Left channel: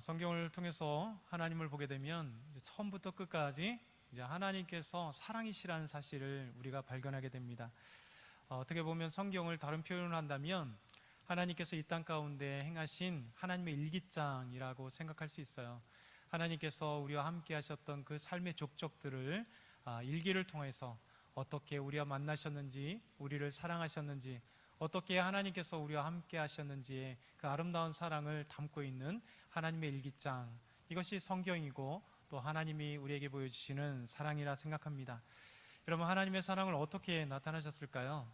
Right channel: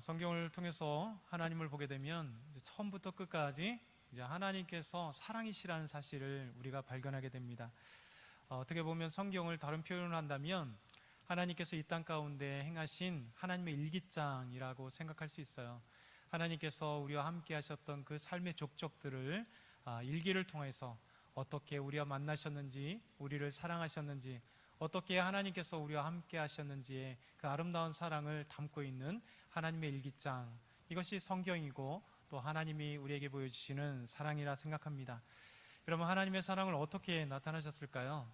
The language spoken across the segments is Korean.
성경을 통해서 하나님을 보게 되면 이제 처음부터 끝까지 이제 하나님께서 사랑이시라는 사실을 우리가 발견하게 됩니다. 어떻게 보면 성경을 다른 표현을 한다면 하나님께서 이 땅 가운데 행하신 하나님의 일기장이라고 생각할 수 있어요. 하나님께서 우리와 함께 하셨던 그 삶의 족적들을 일기를 통해서 어떻게 우리와 만나셨는지, 우리를 사랑하셨는지, 어떻게 하나님께서 우리와 함께 하셨는지의 그 아름다운 사랑을 담고 있는 하나님의 일기장, 이것이 성경이고 또 하나님이 우리에게 보여주시는 사랑이라 생각합니다. 여러분, 하나님의 사랑을 어떻게 나타나셨을까요?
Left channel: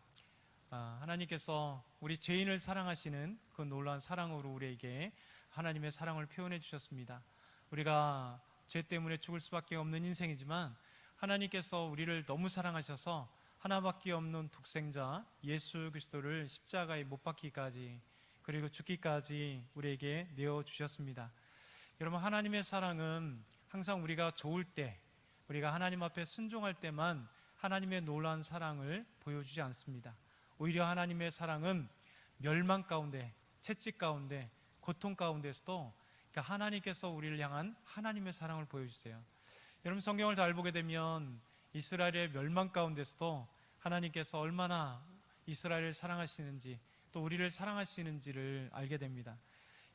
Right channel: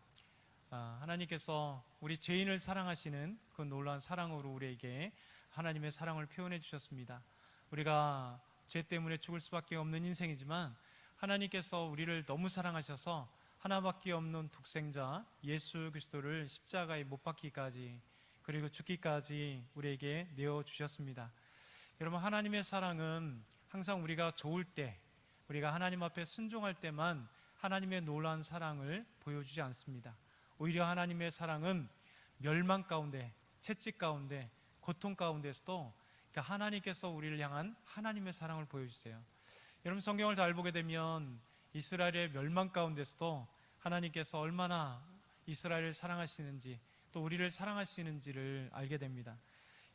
하나님께서 우리 죄인을 사랑하시는 그 놀라운 사랑으로 우리에게 하나님의 사랑을 표현해 주셨습니다. 우리가 죄 때문에 죽을 수밖에 없는 인생이지만 하나님께서 우리를 너무 사랑하셔서 하나밖에 없는 독생자 예수 그리스도를 십자가에 못 박기까지, 그리고 죽기까지 우리에게 내어주셨습니다. 여러분, 하나님의 사랑은 항상 우리가 좋을 때, 우리가 하나님 앞에 순종할 때만 하나님의 놀라운 사랑을 보여주지 않습니다. 오히려 하나님의 사랑은 멸망 가운데, 채찍 가운데, 고통 가운데서도 하나님께서 우리를 향한 하나님의 사랑을 보여주세요. 여러분, 성경을 잘 보게 되면 이스라엘의 멸망 가운데서도 하나님께서 얼마나 이스라엘을 사랑하시는지, 또 우리를 사랑하시는지를 알게 됩니다.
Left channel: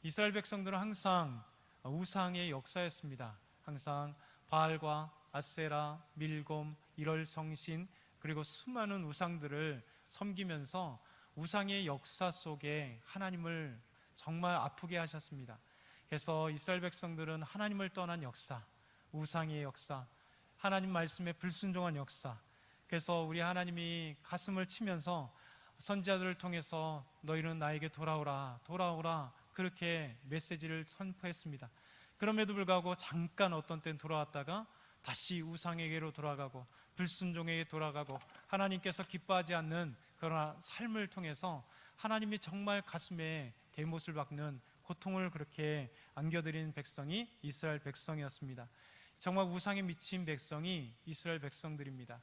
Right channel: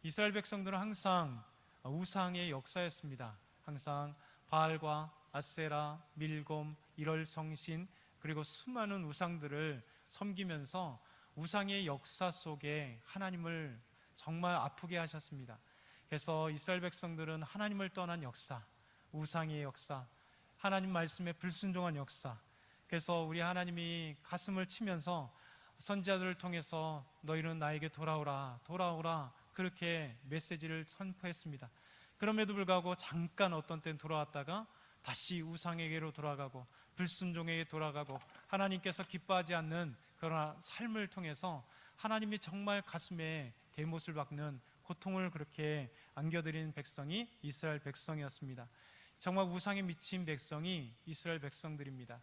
이스라엘 백성들은 항상 우상의 역사였습니다. 항상 바알과 아세라, 밀곰, 일월성신, 그리고 수많은 우상들을 섬기면서 우상의 역사 속에 하나님을 정말 아프게 하셨습니다. 그래서 이스라엘 백성들은 하나님을 떠난 역사, 우상의 역사, 하나님 말씀에 불순종한 역사, 그래서 우리 하나님이 가슴을 치면서 선지자들을 통해서 너희는 나에게 돌아오라, 돌아오라, 그렇게 메시지를 선포했습니다. 그럼에도 불구하고 잠깐 어떤 때는 돌아왔다가 다시 우상에게로 돌아가고 불순종에게 돌아가고 하나님께서 기뻐하지 않는 그런 삶을 통해서 하나님이 정말 가슴에 대못을 박는 고통을 그렇게 안겨드린 백성이 이스라엘 백성이었습니다. 정말 우상에 미친 백성이 이스라엘 백성들입니다.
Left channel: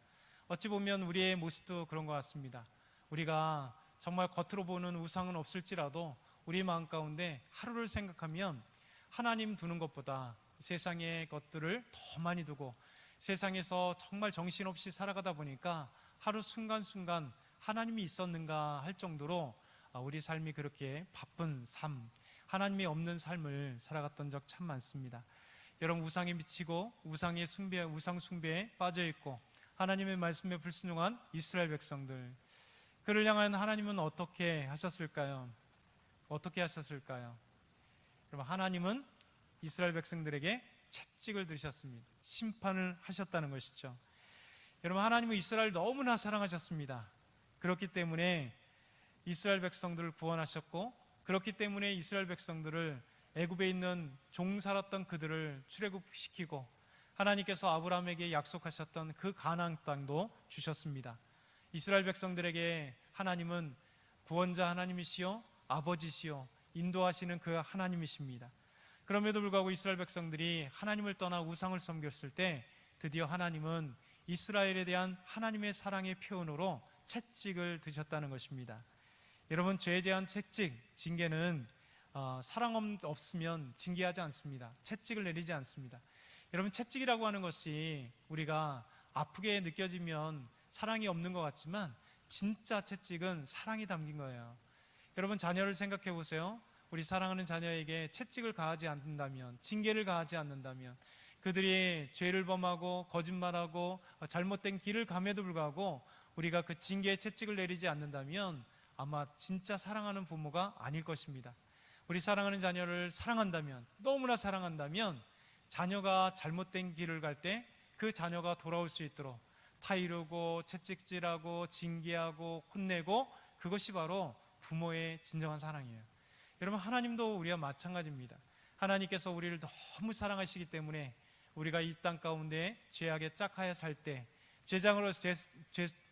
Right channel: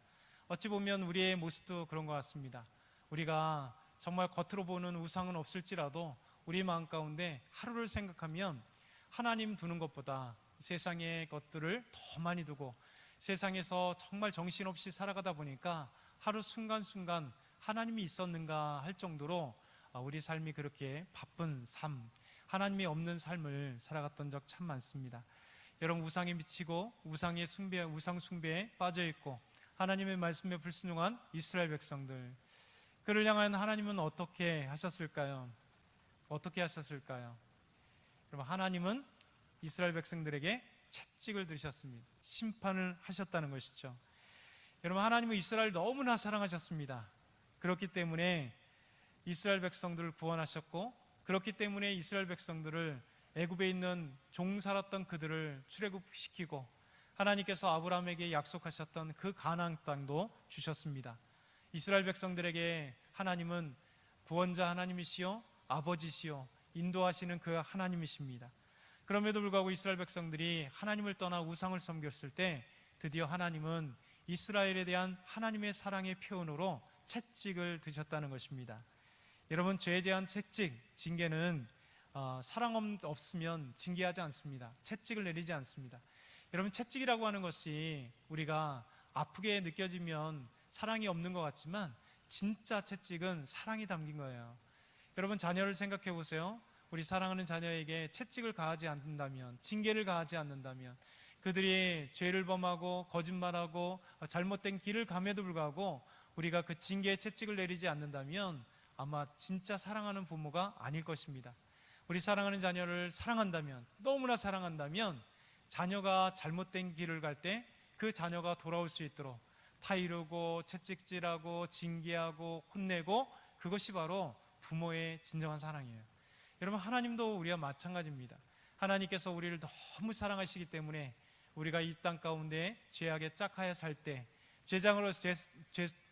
어찌 보면 우리의 모습도 그런 것 같습니다. 우리가 정말 겉으로 보는 우상은 없을지라도 우리 마음 가운데 하루를 생각하면 하나님 두는 것보다 세상의 것들을 더 많이 두고 세상에서 정말 정신없이 살아가다 보니까 하루 순간순간 하나님이 있었는가 할 정도로 우리 삶이 그렇게 바쁜 삶, 하나님이 없는 삶을 살아갔던 적 참 많습니다. 여러분, 우상에 미치고 우상 숭배에 빠져있고 하나님의 말씀에 불순종한 이스라엘 백성들, 그를 향한 하나님은 어떻게 하셨을까요? 어떻게 하셨을까요? 여러분, 하나님은 이스라엘 백성들에게 채찍을 드셨습니다. 심판을 하셨다는 것이죠. 여러분, 하나님은 이스라엘을 너무나 사랑하셨습니다. 그렇기 때문에 이스라엘 백성들을 구원하셨고, 그렇기 때문에 이스라엘 백성들을 애굽에 있는 종 살았던 그들을 출애굽시키고 하나님께서 아브라함에게 약속하셨던 그 가나안 땅도 주셨습니다. 이스라엘 백성들에게 하나님은 구원자 하나님이시요 아버지시요 인도하시는 그 하나님이십니다. 그럼에도 불구하고 이스라엘 백성들이 하나님을 떠나 우상을 섬겼을 때 드디어 하나님은 이스라엘에 대한 하나님의 사랑의 표현으로 채찍을 드셨다는 것입니다. 여러분, 죄에 대한 채찍, 징계는 사랑 없으면 징계하지 않습니다. 채찍을 내리지 않습니다. 여러분, 채찍이라고 하는 것이 우리가 아프게 느껴지면 사랑이 없는 것 같지만 진짜 채찍은 사랑이 담긴 거예요. 여러분, 자녀를 생각해 보세요. 우리 사랑하는 자녀에게 채찍을 가하지 않는다면, 징계를 가하지 않는다면, 그들이 죄를 범하고 거짓말하고 잘못된 길을 감에도 불구하고 우리가 그 징계의 채찍을 내리지 않는다면 아마 진짜 사랑하는 부모가 아닐 것입니다. 우리 사랑하는 자녀를 사랑한다면, 너무나 사랑한다면 자녀가 잘못된 길을 갈 때 그 자녀가 돌아올 수 있도록 타이르고 채찍질하고 징계하고 혼내고, 그것이 바로 부모의 진정한 사랑이에요. 여러분, 하나님도 우리와 마찬가지입니다. 하나님께서 우리를 너무 사랑하시기 때문에 우리가 이 땅 가운데 죄악에 짝하여 살 때, 죄장으로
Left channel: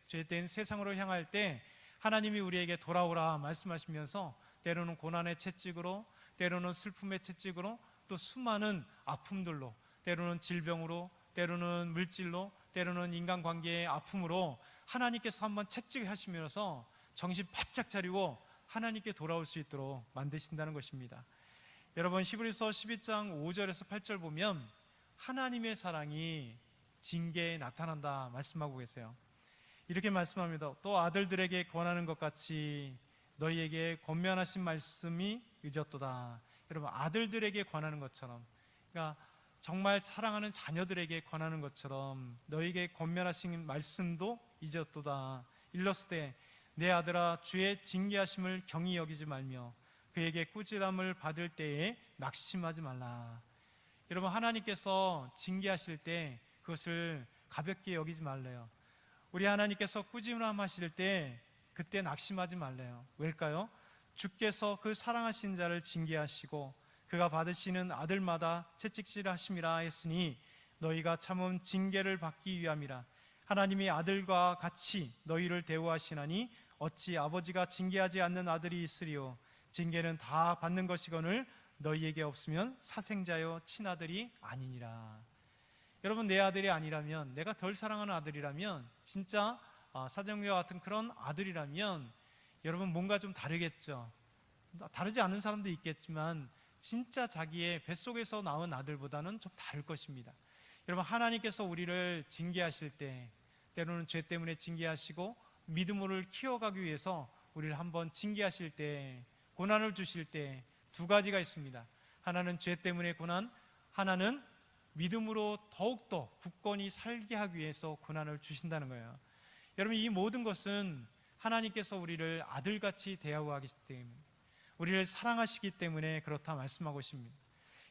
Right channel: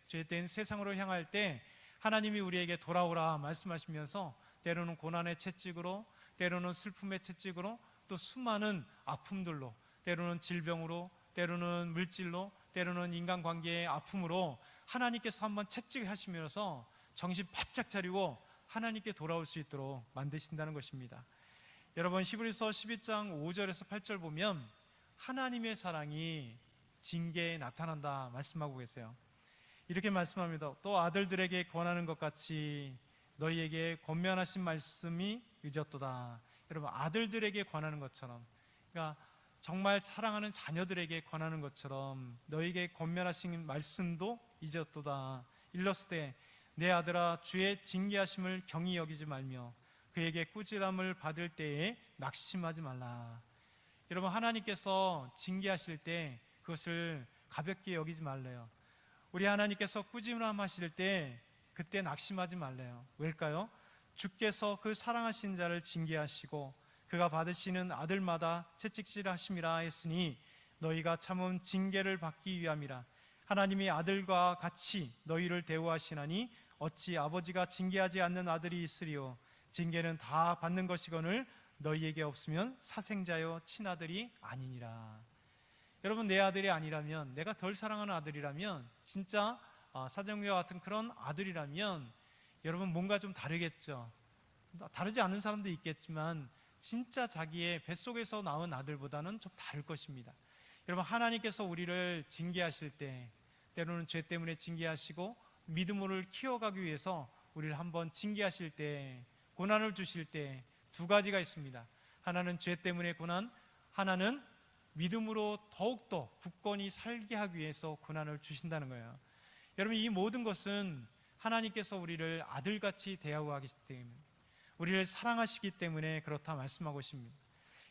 죄된 세상으로 향할 때 하나님이 우리에게 돌아오라 말씀하시면서 때로는 고난의 채찍으로, 때로는 슬픔의 채찍으로, 또 수많은 아픔들로, 때로는 질병으로, 때로는 물질로, 때로는 인간관계의 아픔으로 하나님께서 한번 채찍하시면서 정신 바짝 차리고 하나님께 돌아올 수 있도록 만드신다는 것입니다. 여러분 히브리서 12장 5절에서 8절 보면 하나님의 사랑이 징계에 나타난다 말씀하고 계세요. 이렇게 말씀합니다. 또 아들들에게 권하는 것 같이 너희에게 권면하신 말씀이 늦었도다. 여러분 아들들에게 권하는 것처럼, 그러니까 정말 사랑하는 자녀들에게 권하는 것처럼 너희에게 권면하신 말씀도 잊었도다. 일렀으되 내 아들아 주의 징계하심을 경히 여기지 말며 그에게 꾸지람을 받을 때에 낙심하지 말라. 여러분 하나님께서 징계하실 때 그것을 가볍게 여기지 말래요. 우리 하나님께서 꾸지람하실 때 그때 낙심하지 말래요. 왜일까요? 주께서 그 사랑하신 자를 징계하시고 그가 받으시는 아들마다 채찍질하심이라 했으니 너희가 참은 징계를 받기 위함이라. 하나님이 아들과 같이 너희를 대우하시나니 어찌 아버지가 징계하지 않는 아들이 있으리요. 징계는 다 받는 것이거늘 너희에게 없으면 사생자여 친아들이 아니니라. 여러분 내 아들이 아니라면, 내가 덜 사랑하는 아들이라면, 진짜 사정리와 같은 그런 아들이라면 여러분 뭔가 좀 다르겠죠. 다르지 않은 사람도 있겠지만 진짜 자기의 뱃속에서 나온 아들보다는 좀 다를 것입니다. 여러분 하나님께서 우리를 징계하실 때, 때로는 죄 때문에 징계하시고 믿음으로 키워가기 위해서 우리를 한번 징계하실 때, 고난을 주실 때 두 가지가 있습니다. 하나는 죄 때문에 고난, 하나는 믿음으로 더욱더 굳건히 살게 하기 위해서 고난을 주신다는 거예요. 여러분 이 모든 것은 하나님께서 우리를 아들같이 대하기 때문에, 우리를 사랑하시기 때문에 그렇다 말씀하고 있습니다.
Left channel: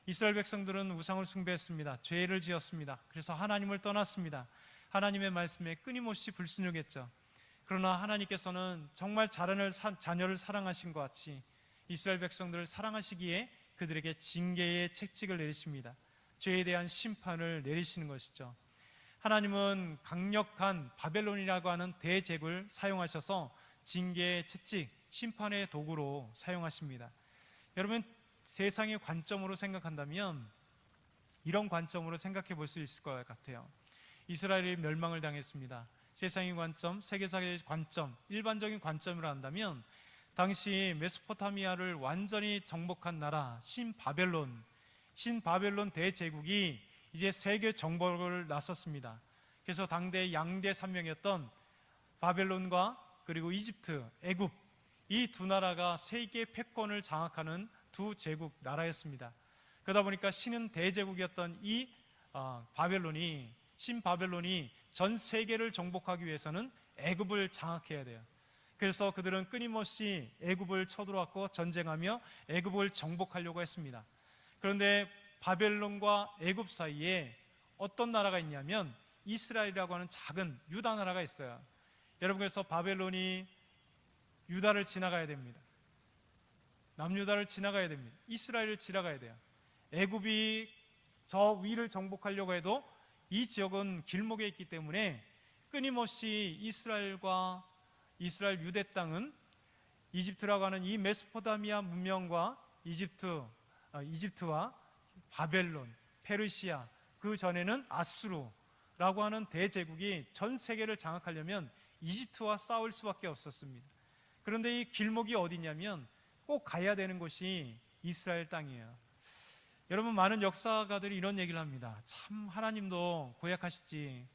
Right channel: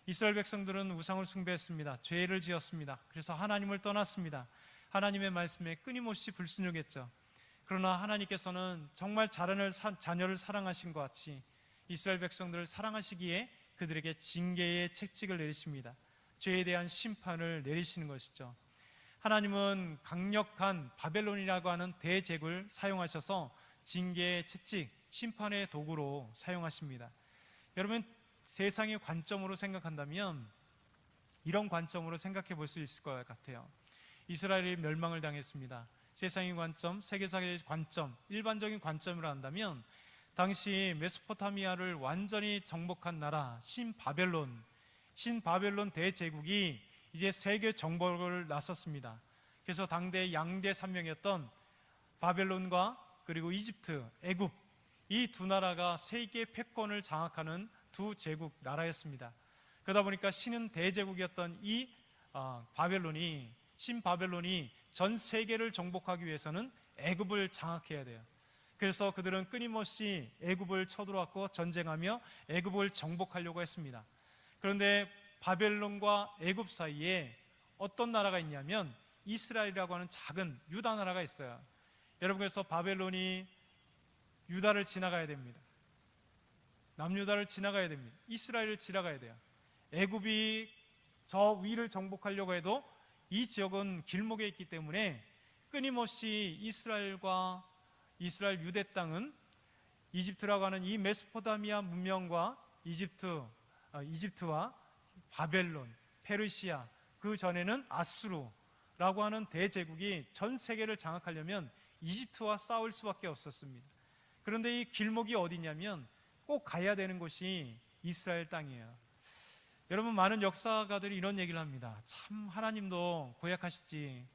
이스라엘 백성들은 우상을 숭배했습니다. 죄를 지었습니다. 그래서 하나님을 떠났습니다. 하나님의 말씀에 끊임없이 불순종했죠. 그러나 하나님께서는 정말 자녀를 사랑하신 것 같이 이스라엘 백성들을 사랑하시기에 그들에게 징계의 채찍을 내리십니다. 죄에 대한 심판을 내리시는 것이죠. 하나님은 강력한 바벨론이라고 하는 대제국을 사용하셔서 징계의 채찍, 심판의 도구로 사용하십니다. 여러분 세상의 관점으로 생각한다면 이런 관점으로 생각해 볼 수 있을 것 같아요. 이스라엘이 멸망을 당했습니다. 세상의 관점, 세계사의 관점, 일반적인 관점으로 한다면 당시 메소포타미아를 완전히 정복한 나라 신바벨론 대제국이 이제 세계 정복을 나섰습니다. 그래서 당대 양대 산명이었던 바벨론과 그리고 이집트, 애굽, 이 두 나라가 세계 패권을 장악하는 두 제국 나라였습니다. 그러다 보니까 신은 대제국이었던 이 신바벨론이 전 세계를 정복하기 위해서는 애굽을 장악해야 돼요. 그래서 그들은 끊임없이 애굽을 쳐들어왔고 전쟁하며 애굽을 정복하려고 했습니다. 그런데 바벨론과 애굽 사이에 어떤 나라가 있냐면 이스라엘이라고 하는 작은 유다 나라가 있어요. 여러분 그래서 바벨론이 유다를 지나가야 됩니다. 남유다를 지나가야 됩니다. 이스라엘을 지나가야 돼요. 애굽이 저 위를 정복하려고 해도 이 지역은 길목에 있기 때문에 끊임없이 이스라엘 유대 땅은 이집트라고 하는 이 메소포타미아 문명과 이집트와 바벨론, 페르시아, 그 전에는 아수르라고 하는 대제국이 전 세계를 장악하려면 이집트와 싸울 수밖에 없었습니다. 그런데 이 길목이 어디냐면 꼭 가야 되는 곳이 이스라엘 땅이에요. 여러분 많은 역사가들이 이런 얘기를 합니다. 참 하나님도 고약하시지,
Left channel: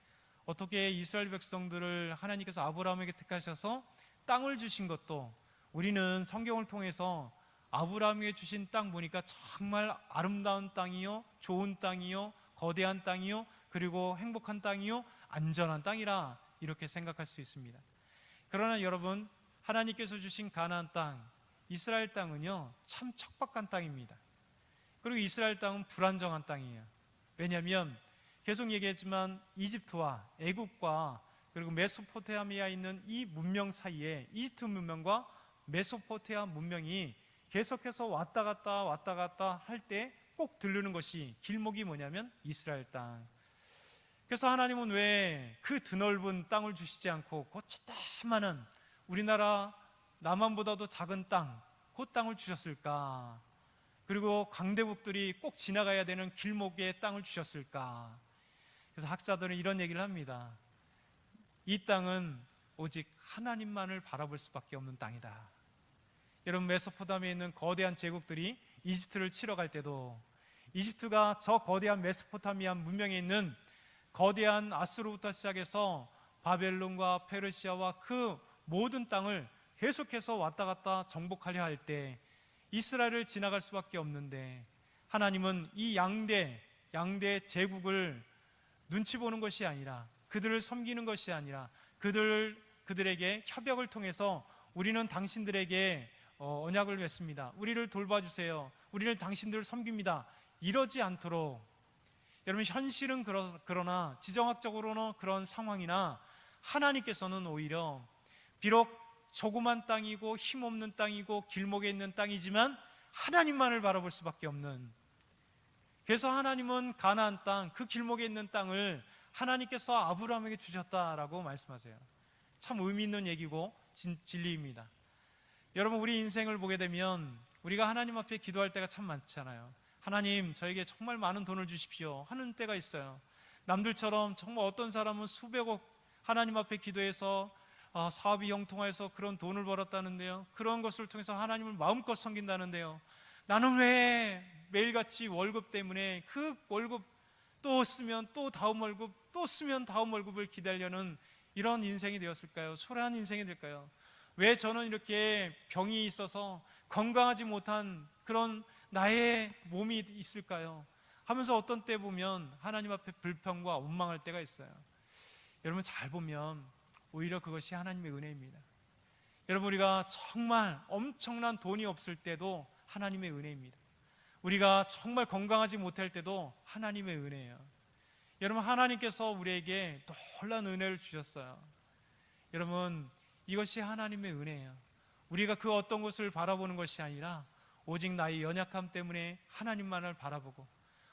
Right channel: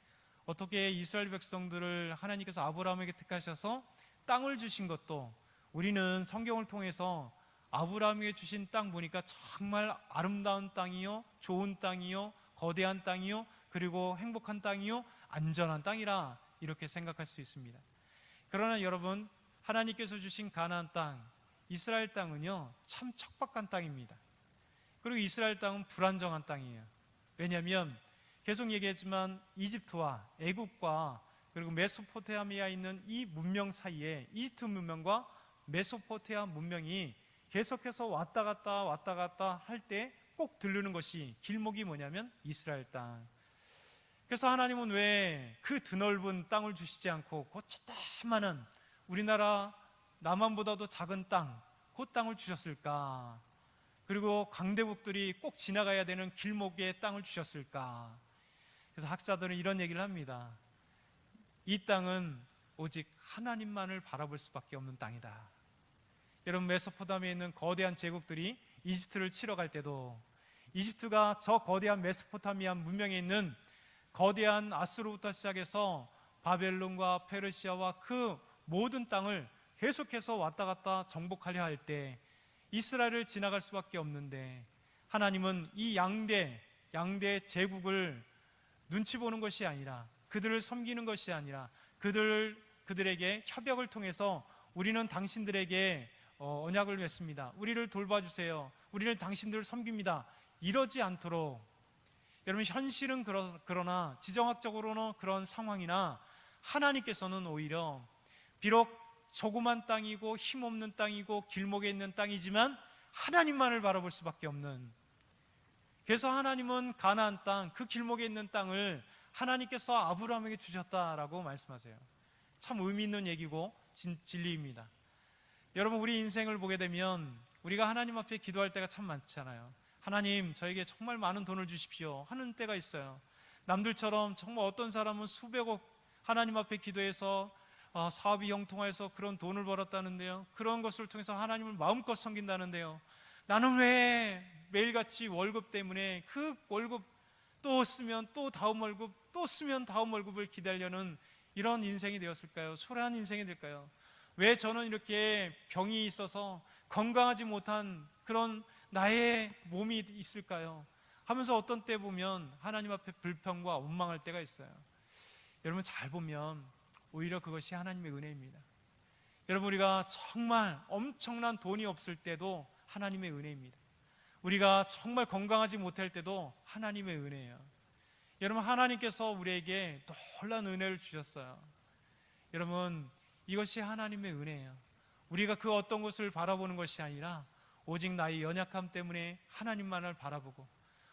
어떻게 이스라엘 백성들을 하나님께서 아브라함에게 택하셔서 땅을 주신 것도, 우리는 성경을 통해서 아브라함에게 주신 땅 보니까 정말 아름다운 땅이요, 좋은 땅이요, 거대한 땅이요, 그리고 행복한 땅이요, 안전한 땅이라 이렇게 생각할 수 있습니다. 그러나 여러분 하나님께서 주신 가나안 땅, 이스라엘 땅은요 참 척박한 땅입니다. 그리고 이스라엘 땅은 불안정한 땅이에요. 왜냐하면 계속 얘기했지만 이집트와 애굽과 그리고 메소포타미아에 있는 이 문명 사이에 이집트 문명과 메소포타미아 문명이 계속해서 왔다 갔다 할 때 꼭 들르는 것이 길목이 뭐냐면 이스라엘 땅. 그래서 하나님은 왜 그 드넓은 땅을 주시지 않고 그 조그마한 우리나라 남한보다도 작은 땅, 그 땅을 주셨을까? 그리고 강대국들이 꼭 지나가야 되는 길목에 땅을 주셨을까? 그래서 학자들은 이런 얘기를 합니다. 이 땅은 오직 하나님만을 바라볼 수밖에 없는 땅이다. 여러분 메소포타미아에 있는 거대한 제국들이 이집트를 치러 갈 때도 이집트가 저 거대한 메소포타미아 문명에 있는 거대한 아수르부터 시작해서 바벨론과 페르시아와 그 모든 땅을 계속해서 왔다 갔다 정복하려 할 때 이스라엘을 지나갈 수밖에 없는데 하나님은 이 양대 제국을 눈치 보는 것이 아니라 그들을 섬기는 것이 아니라 그들에게 협약을 통해서 우리는 당신들에게 언약을 맺습니다. 우리를 돌봐주세요. 우리는 당신들을 섬깁니다. 이러지 않도록 여러분 현실은 그러나 지정학적으로는 그런 상황이나 하나님께서는 오히려 비록 조그만 땅이고 힘없는 땅이고 길목에 있는 땅이지만 하나님만을 바라볼 수밖에 없는, 그래서 하나님은 가나안 땅, 그 길목에 있는 땅을 하나님께서 아브라함에게 주셨다라고 말씀하세요. 참 의미 있는 얘기고 진리입니다. 여러분 우리 인생을 보게 되면 우리가 하나님 앞에 기도할 때가 참 많잖아요. 하나님 저에게 정말 많은 돈을 주십시오 하는 때가 있어요. 남들처럼 정말 어떤 사람은 수백억 하나님 앞에 기도해서 사업이 형통해서 그런 돈을 벌었다는데요. 그런 것을 통해서 하나님을 마음껏 섬긴다는데요. 나는 왜 매일같이 월급 때문에 그 월급 또 쓰면 또 다음 월급, 또 쓰면 다음 월급을 기다리려는 이런 인생이 되었을까요? 초라한 인생이 될까요? 왜 저는 이렇게 병이 있어서 건강하지 못한 그런 나의 몸이 있을까요? 하면서 어떤 때 보면 하나님 앞에 불평과 원망할 때가 있어요. 여러분 잘 보면 오히려 그것이 하나님의 은혜입니다. 여러분 우리가 정말 엄청난 돈이 없을 때도 하나님의 은혜입니다. 우리가 정말 건강하지 못할 때도 하나님의 은혜예요. 여러분 하나님께서 우리에게 놀라운 은혜를 주셨어요. 여러분 이것이 하나님의 은혜예요. 우리가 그 어떤 것을 바라보는 것이 아니라 오직 나의 연약함 때문에 하나님만을 바라보고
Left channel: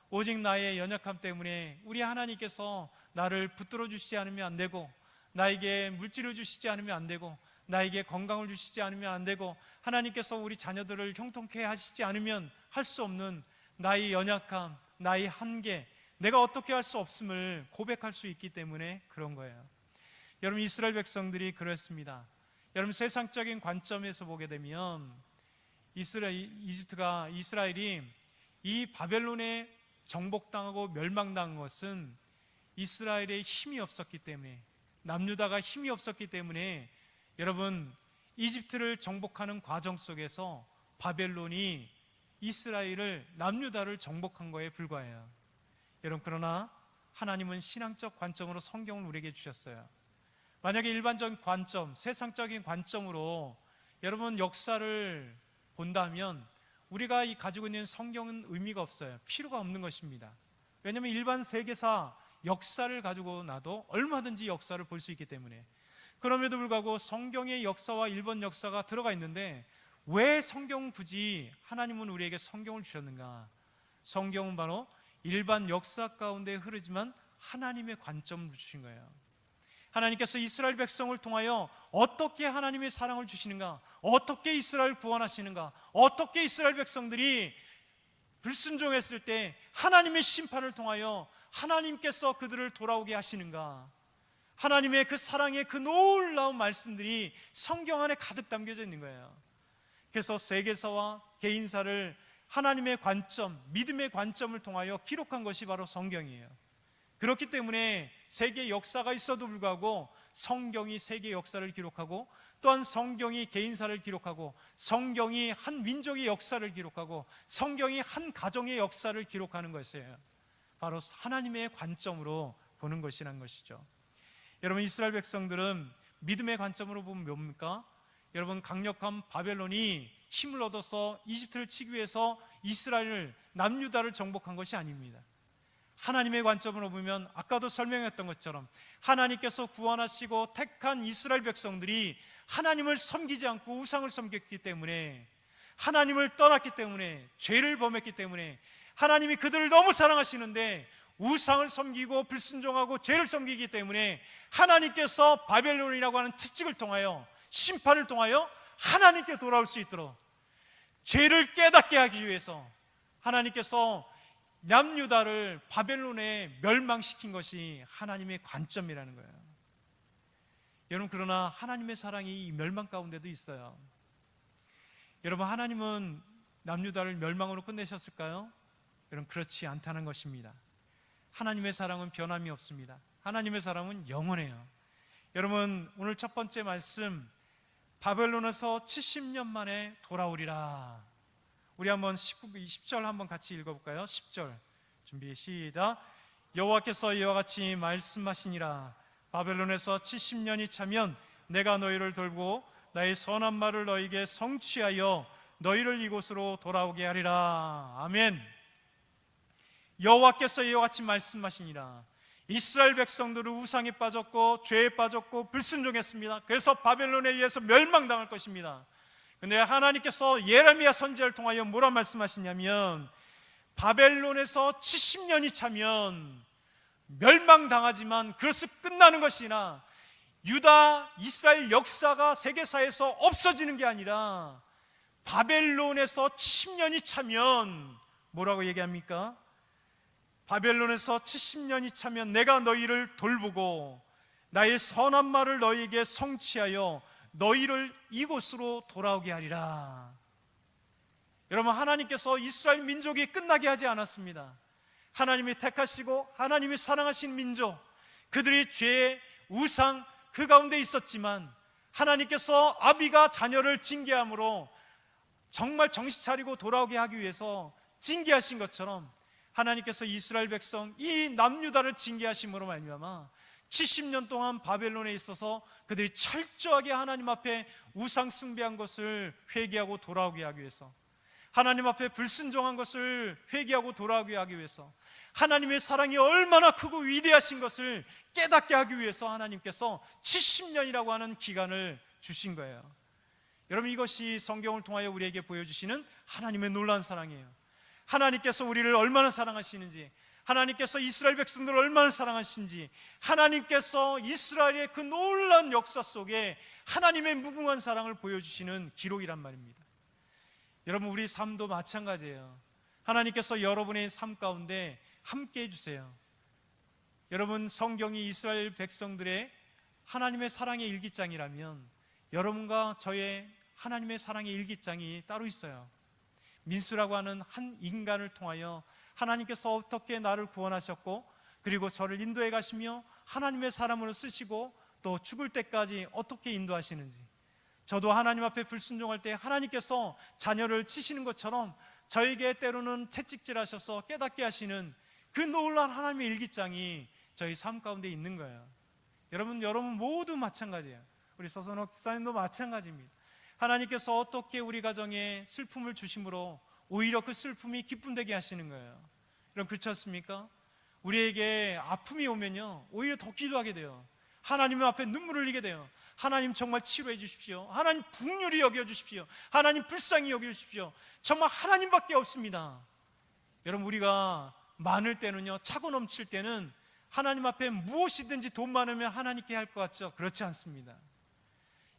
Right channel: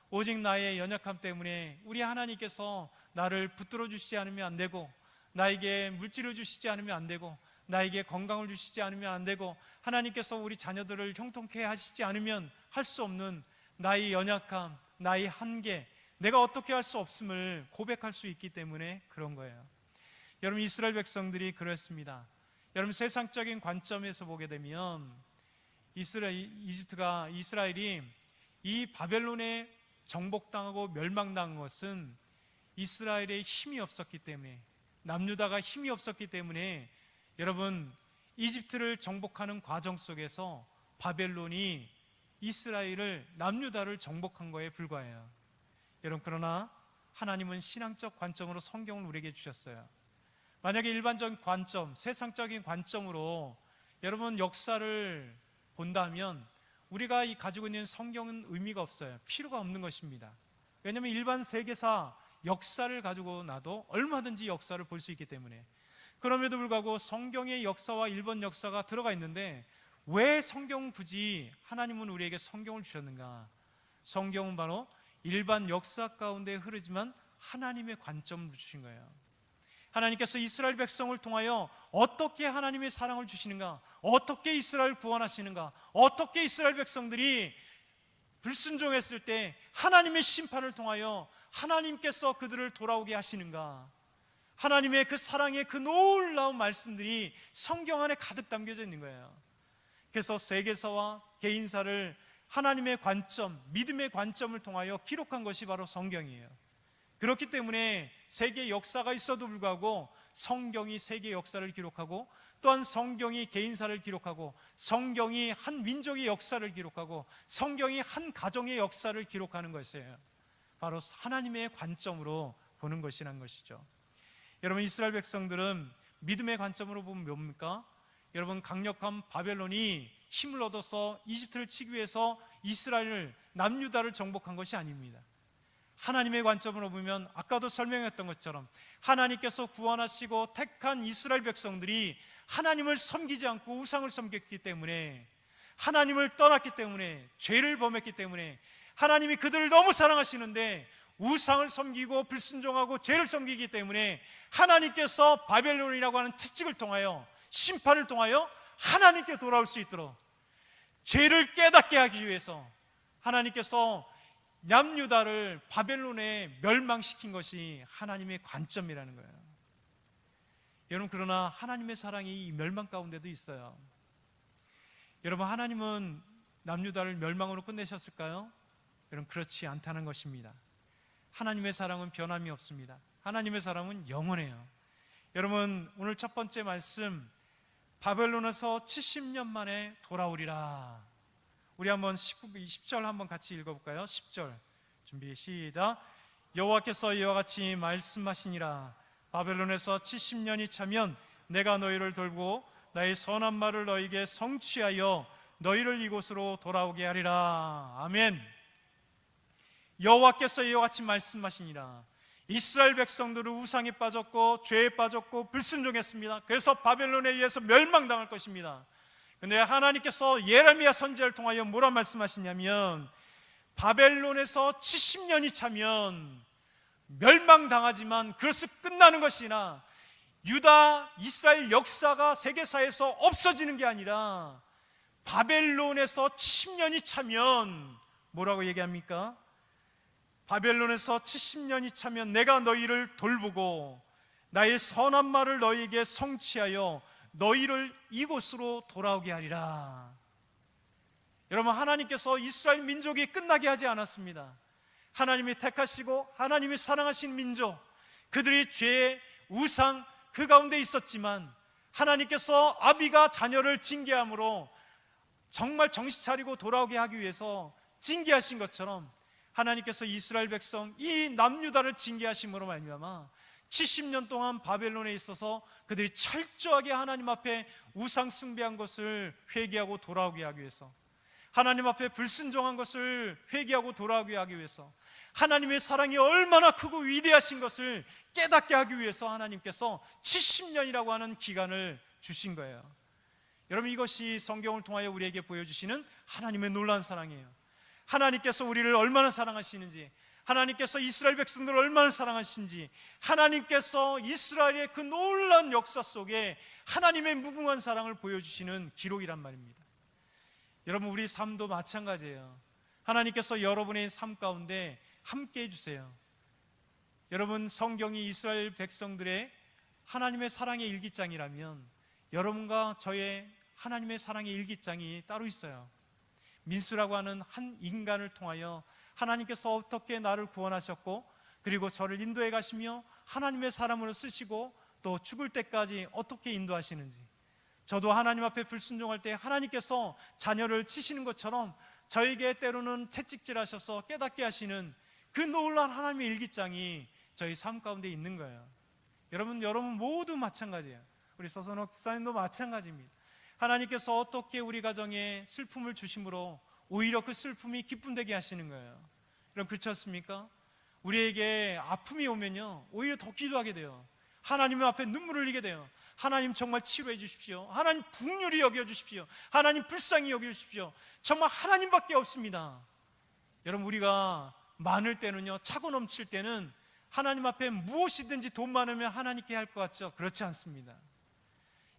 오직 나의 연약함 때문에 우리 하나님께서 나를 붙들어 주시지 않으면 안 되고 나에게 물질을 주시지 않으면 안 되고 나에게 건강을 주시지 않으면 안 되고 하나님께서 우리 자녀들을 형통케 하시지 않으면 할 수 없는 나의 연약함, 나의 한계, 내가 어떻게 할 수 없음을 고백할 수 있기 때문에 그런 거예요. 여러분 이스라엘 백성들이 그랬습니다. 여러분 세상적인 관점에서 보게 되면 이스라엘이 이 바벨론에 정복당하고 멸망당한 것은 이스라엘의 힘이 없었기 때문에, 남유다가 힘이 없었기 때문에 여러분 이집트를 정복하는 과정 속에서 바벨론이 이스라엘을, 남유다를 정복한 거에 불과해요. 여러분 그러나 하나님은 신앙적 관점으로 성경을 우리에게 주셨어요. 만약에 일반적인 관점, 세상적인 관점으로 여러분 역사를 본다면 우리가 가지고 있는 성경은 의미가 없어요. 필요가 없는 것입니다. 왜냐하면 일반 세계사 역사를 가지고 나도 얼마든지 역사를 볼 수 있기 때문에. 그럼에도 불구하고 성경의 역사와 일본 역사가 들어가 있는데 왜 성경 굳이 하나님은 우리에게 성경을 주셨는가? 성경은 바로 일반 역사 가운데 흐르지만 하나님의 관점을 주신 거예요. 하나님께서 이스라엘 백성을 통하여 어떻게 하나님의 사랑을 주시는가, 어떻게 이스라엘 구원하시는가, 어떻게 이스라엘 백성들이 불순종했을 때 하나님의 심판을 통하여 하나님께서 그들을 돌아오게 하시는가, 하나님의 그 사랑의 그 놀라운 말씀들이 성경 안에 가득 담겨져 있는 거예요. 그래서 세계사와 개인사를 하나님의 관점, 믿음의 관점을 통하여 기록한 것이 바로 성경이에요. 그렇기 때문에 세계 역사가 있어도 불구하고 성경이 세계 역사를 기록하고 또한 성경이 개인사를 기록하고 성경이 한 민족의 역사를 기록하고 성경이 한 가정의 역사를 기록하는 것이에요. 바로 하나님의 관점으로 보는 것이라는 것이죠. 여러분 이스라엘 백성들은 믿음의 관점으로 보면 뭡니까? 여러분 강력한 바벨론이 힘을 얻어서 이집트를 치기 위해서 이스라엘을, 남유다를 정복한 것이 아닙니다. 하나님의 관점으로 보면 아까도 설명했던 것처럼 하나님께서 구원하시고 택한 이스라엘 백성들이 하나님을 섬기지 않고 우상을 섬겼기 때문에, 하나님을 떠났기 때문에, 죄를 범했기 때문에 하나님이 그들을 너무 사랑하시는데 우상을 섬기고 불순종하고 죄를 섬기기 때문에 하나님께서 바벨론이라고 하는 채찍을 통하여, 심판을 통하여 하나님께 돌아올 수 있도록 죄를 깨닫게 하기 위해서 하나님께서 남유다를 바벨론에 멸망시킨 것이 하나님의 관점이라는 거예요. 여러분 그러나 하나님의 사랑이 멸망 가운데도 있어요. 여러분 하나님은 남유다를 멸망으로 끝내셨을까요? 여러분, 그렇지 않다는 것입니다. 하나님의 사랑은 변함이 없습니다. 하나님의 사랑은 영원해요. 여러분, 오늘 첫 번째 말씀, 바벨론에서 70년 만에 돌아오리라. 우리 한번 10절 한번 같이 읽어볼까요? 10절 준비 시작. 여호와께서 이와 같이 말씀하시니라. 바벨론에서 70년이 차면 내가 너희를 돌보고 나의 선한 말을 너희에게 성취하여 너희를 이곳으로 돌아오게 하리라. 아멘. 여호와께서 이와 같이 말씀하시니라. 이스라엘 백성들은 우상에 빠졌고 죄에 빠졌고 불순종했습니다. 그래서 바벨론에 의해서 멸망당할 것입니다. 근데 하나님께서 예레미야 선지자를 통하여 뭐라 말씀하시냐면, 바벨론에서 70년이 차면 멸망당하지만 그것이 끝나는 것이나 유다, 이스라엘 역사가 세계사에서 없어지는 게 아니라 바벨론에서 70년이 차면 뭐라고 얘기합니까? 바벨론에서 70년이 차면 내가 너희를 돌보고 나의 선한 말을 너희에게 성취하여 너희를 이곳으로 돌아오게 하리라. 여러분, 하나님께서 이스라엘 민족이 끝나게 하지 않았습니다. 하나님이 택하시고 하나님이 사랑하신 민족, 그들이 죄, 우상 그 가운데 있었지만 하나님께서 아비가 자녀를 징계함으로 정말 정신 차리고 돌아오게 하기 위해서 징계하신 것처럼 하나님께서 이스라엘 백성 이 남유다를 징계하심으로 말미암아 70년 동안 바벨론에 있어서 그들이 철저하게 하나님 앞에 우상 숭배한 것을 회개하고 돌아오게 하기 위해서, 하나님 앞에 불순종한 것을 회개하고 돌아오게 하기 위해서, 하나님의 사랑이 얼마나 크고 위대하신 것을 깨닫게 하기 위해서 하나님께서 70년이라고 하는 기간을 주신 거예요. 여러분, 이것이 성경을 통하여 우리에게 보여주시는 하나님의 놀라운 사랑이에요. 하나님께서 우리를 얼마나 사랑하시는지, 하나님께서 이스라엘 백성들을 얼마나 사랑하시는지, 하나님께서 이스라엘의 그 놀라운 역사 속에 하나님의 무궁한 사랑을 보여주시는 기록이란 말입니다. 여러분, 우리 삶도 마찬가지예요. 하나님께서 여러분의 삶 가운데 함께 해주세요. 여러분, 성경이 이스라엘 백성들의 하나님의 사랑의 일기장이라면 여러분과 저의 하나님의 사랑의 일기장이 따로 있어요. 민수라고 하는 한 인간을 통하여 하나님께서 어떻게 나를 구원하셨고, 그리고 저를 인도해 가시며 하나님의 사람으로 쓰시고 또 죽을 때까지 어떻게 인도하시는지, 저도 하나님 앞에 불순종할 때 하나님께서 자녀를 치시는 것처럼 저에게 때로는 채찍질하셔서 깨닫게 하시는 그 놀라운 하나님의 일기장이 저희 삶 가운데 있는 거예요. 여러분 모두 마찬가지예요. 우리 서선옥 집사님도 마찬가지입니다. 하나님께서 어떻게 우리 가정에 슬픔을 주심으로 오히려 그 슬픔이 기쁨되게 하시는 거예요. 여러분, 그렇지 않습니까? 우리에게 아픔이 오면요 오히려 더 기도하게 돼요. 하나님 앞에 눈물을 흘리게 돼요. 하나님 정말 치료해 주십시오. 하나님 긍휼히 여겨 주십시오. 하나님 불쌍히 여겨 주십시오. 정말 하나님밖에 없습니다. 여러분, 우리가 많을 때는요, 차고 넘칠 때는 하나님 앞에 무엇이든지 돈 많으면 하나님께 할 것 같죠? 그렇지 않습니다.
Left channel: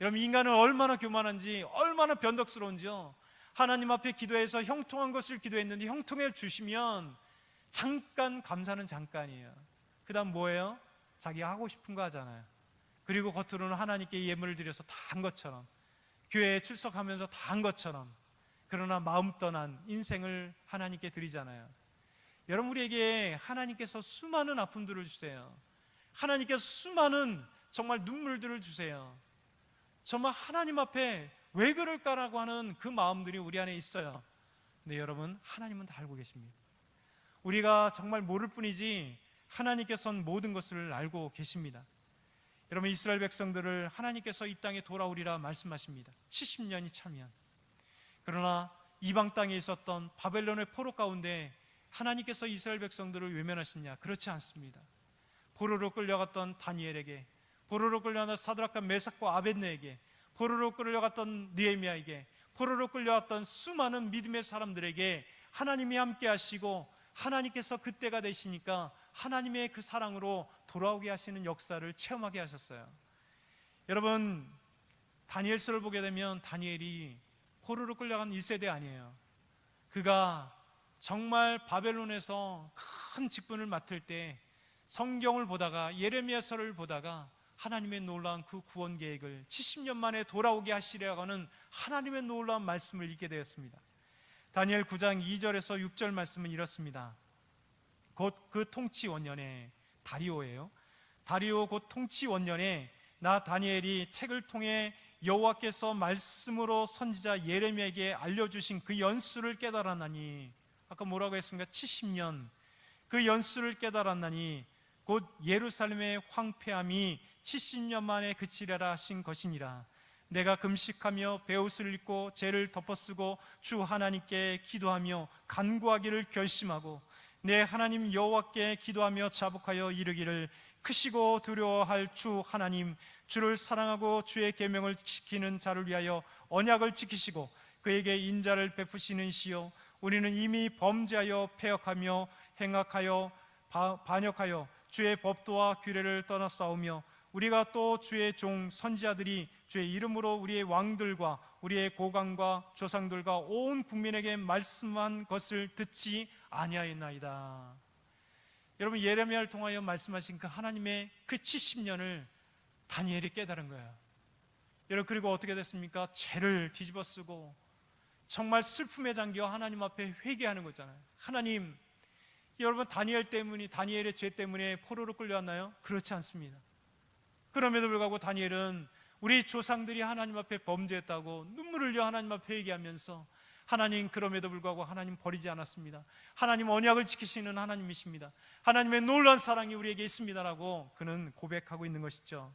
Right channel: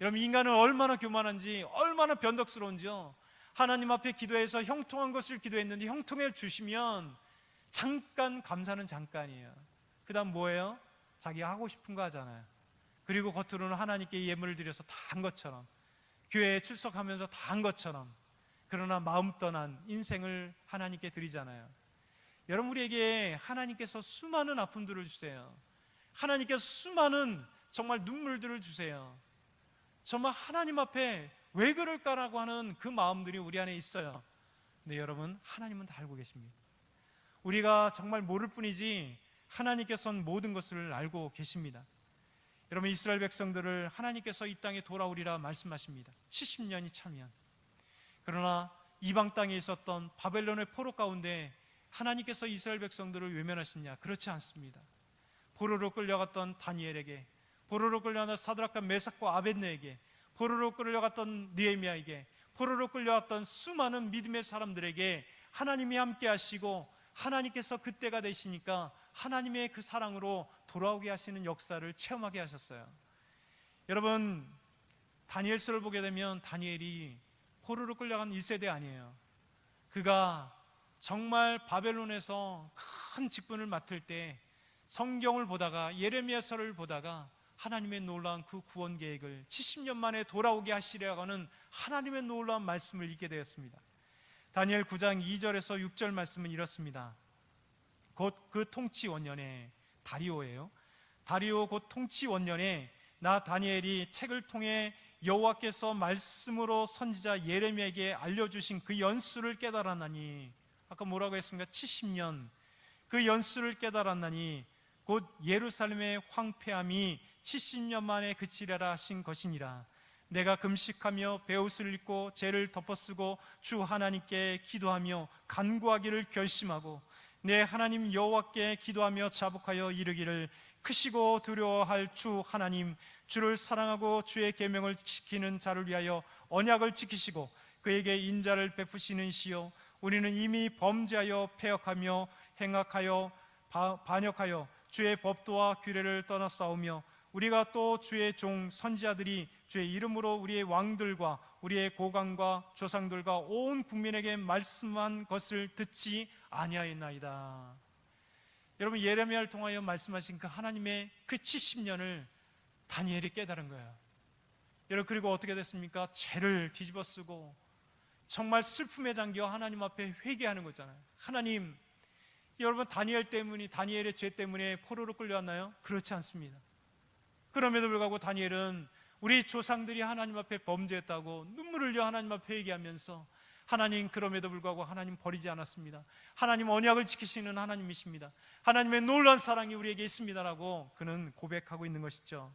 여러분, 인간은 얼마나 교만한지, 얼마나 변덕스러운지요. 하나님 앞에 기도해서 형통한 것을 기도했는데 형통해 주시면 잠깐 감사는 잠깐이에요. 그 다음 뭐예요? 자기가 하고 싶은 거 하잖아요. 그리고 겉으로는 하나님께 예물을 드려서 다 한 것처럼, 교회에 출석하면서 다 한 것처럼, 그러나 마음 떠난 인생을 하나님께 드리잖아요. 여러분, 우리에게 하나님께서 수많은 아픔들을 주세요. 하나님께서 수많은 정말 눈물들을 주세요. 정말 하나님 앞에 왜 그럴까라고 하는 그 마음들이 우리 안에 있어요. 근데 여러분, 하나님은 다 알고 계십니다. 우리가 정말 모를 뿐이지 하나님께서는 모든 것을 알고 계십니다. 여러분, 이스라엘 백성들을 하나님께서 이 땅에 돌아오리라 말씀하십니다. 70년이 차면. 그러나 이방 땅에 있었던 바벨론의 포로 가운데 하나님께서 이스라엘 백성들을 외면하시냐? 그렇지 않습니다. 포로로 끌려갔던 다니엘에게, 포로로 끌려갔던 사드락과 메삭과 아벳네에게, 포로로 끌려갔던 느헤미야에게, 포로로 끌려갔던 수많은 믿음의 사람들에게 하나님이 함께 하시고, 하나님께서 그때가 되시니까 하나님의 그 사랑으로 돌아오게 하시는 역사를 체험하게 하셨어요. 여러분, 다니엘서를 보게 되면 다니엘이 포로로 끌려간 1세대 아니에요. 그가 정말 바벨론에서 큰 직분을 맡을 때 성경을 보다가, 예레미야서를 보다가 하나님의 놀라운 그 구원 계획을 70년 만에 돌아오게 하시려고 하는 하나님의 놀라운 말씀을 읽게 되었습니다. 다니엘 9장 2절에서 6절 말씀은 이렇습니다. 곧 그 통치 원년에, 다리오예요. 다리오 곧 통치 원년에 나 다니엘이 책을 통해 여호와께서 말씀으로 선지자 예레미야에게 알려주신 그 연수를 깨달았나니, 아까 뭐라고 했습니까? 70년. 그 연수를 깨달았나니 곧 예루살렘의 황폐함이 70년 만에 그치려라 하신 것이니라. 내가 금식하며 베옷을 입고 죄를 덮어쓰고 주 하나님께 기도하며 간구하기를 결심하고 내 하나님 여호와께 기도하며 자복하여 이르기를, 크시고 두려워할 주 하나님, 주를 사랑하고 주의 계명을 지키는 자를 위하여 언약을 지키시고 그에게 인자를 베푸시는 이시요, 우리는 이미 범죄하여 패역하며 행악하여 반역하여 주의 법도와 규례를 떠나싸우며 우리가 또 주의 종 선지자들이 주의 이름으로 우리의 왕들과 우리의 고관과 조상들과 온 국민에게 말씀한 것을 듣지 아니하였나이다. 여러분, 예레미야를 통하여 말씀하신 그 하나님의 그 70년을 다니엘이 깨달은 거예요. 여러분, 그리고 어떻게 됐습니까? 죄를 뒤집어 쓰고 정말 슬픔에 잠겨 하나님 앞에 회개하는 거잖아요. 하나님, 여러분, 다니엘의 죄 때문에 포로로 끌려왔나요? 그렇지 않습니다. 그럼에도 불구하고 다니엘은 우리 조상들이 하나님 앞에 범죄했다고 눈물을 흘려 하나님 앞에 회개하면서, 하나님, 그럼에도 불구하고 하나님 버리지 않았습니다. 하나님 언약을 지키시는 하나님이십니다. 하나님의 놀라운 사랑이 우리에게 있습니다라고 그는 고백하고 있는 것이죠.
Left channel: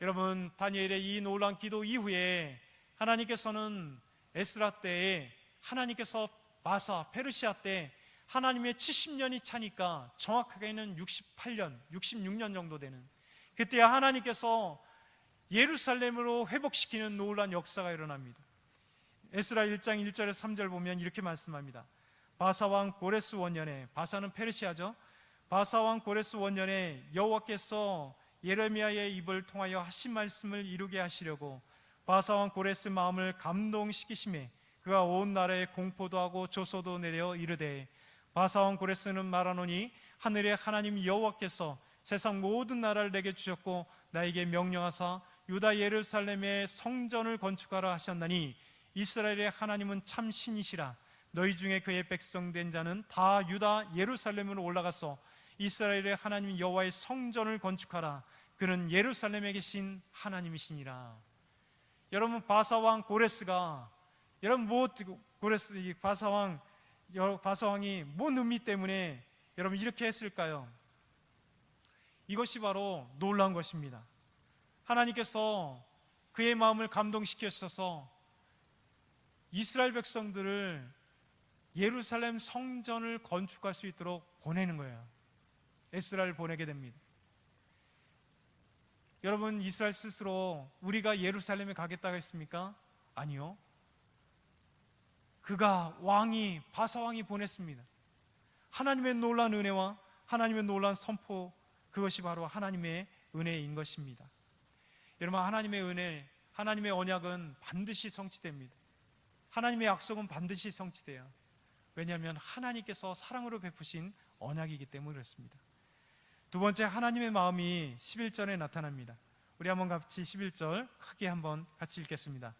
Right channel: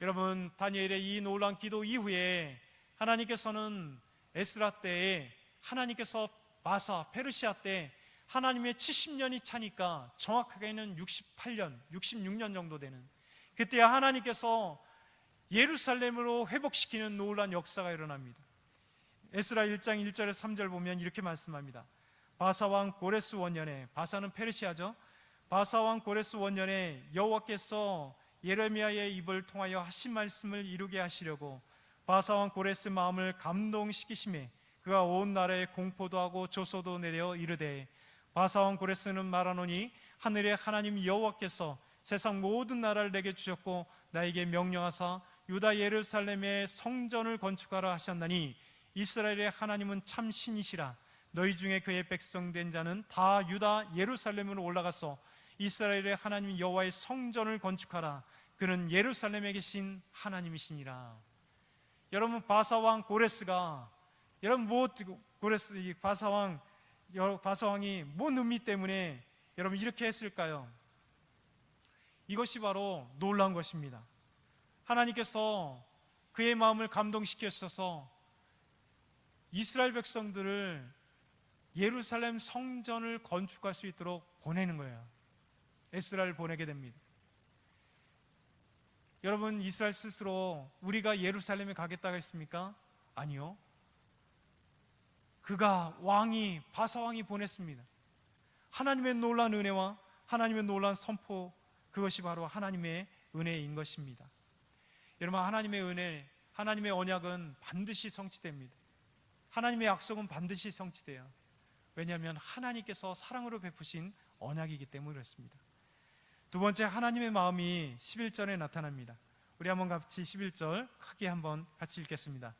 여러분, 다니엘의 이 놀라운 기도 이후에 하나님께서는 에스라 때에, 하나님께서 바사 페르시아 때 하나님의 70년이 차니까 정확하게는 68년, 66년 정도 되는, 그때 하나님께서 예루살렘으로 회복시키는 놀라운 역사가 일어납니다. 에스라 1장 1절에서 3절 보면 이렇게 말씀합니다. 바사왕 고레스 원년에, 바사는 페르시아죠. 바사왕 고레스 원년에 여호와께서 예레미야의 입을 통하여 하신 말씀을 이루게 하시려고 바사왕 고레스 마음을 감동시키심에 그가 온 나라에 공포도 하고 조소도 내려 이르되, 바사왕 고레스는 말하노니 하늘의 하나님 여호와께서 세상 모든 나라를 내게 주셨고 나에게 명령하사 유다 예루살렘의 성전을 건축하라 하셨나니 이스라엘의 하나님은 참 신이시라. 너희 중에 그의 백성 된 자는 다 유다 예루살렘으로 올라가서 이스라엘의 하나님 여호와의 성전을 건축하라. 그는 예루살렘에 계신 하나님이시니라. 여러분, 바사왕 고레스가, 여러분, 바사왕이 뭔 의미 때문에 여러분 이렇게 했을까요? 이것이 바로 놀라운 것입니다. 하나님께서 그의 마음을 감동시키셔서 이스라엘 백성들을 예루살렘 성전을 건축할 수 있도록 보내는 거예요. 에스라를 보내게 됩니다. 여러분, 이스라엘 스스로 우리가 예루살렘에 가겠다고 했습니까? 아니요. 그가 바사왕이 보냈습니다. 하나님의 놀라운 은혜와 하나님의 놀라운 선포, 그것이 바로 하나님의 은혜인 것입니다. 여러분, 하나님의 은혜, 하나님의 언약은 반드시 성취됩니다. 하나님의 약속은 반드시 성취돼요. 왜냐하면 하나님께서 사랑으로 베푸신 언약이기 때문에 그렇습니다. 두 번째, 하나님의 마음이 11절에 나타납니다. 우리 한번 같이 11절 크게 한번 같이 읽겠습니다.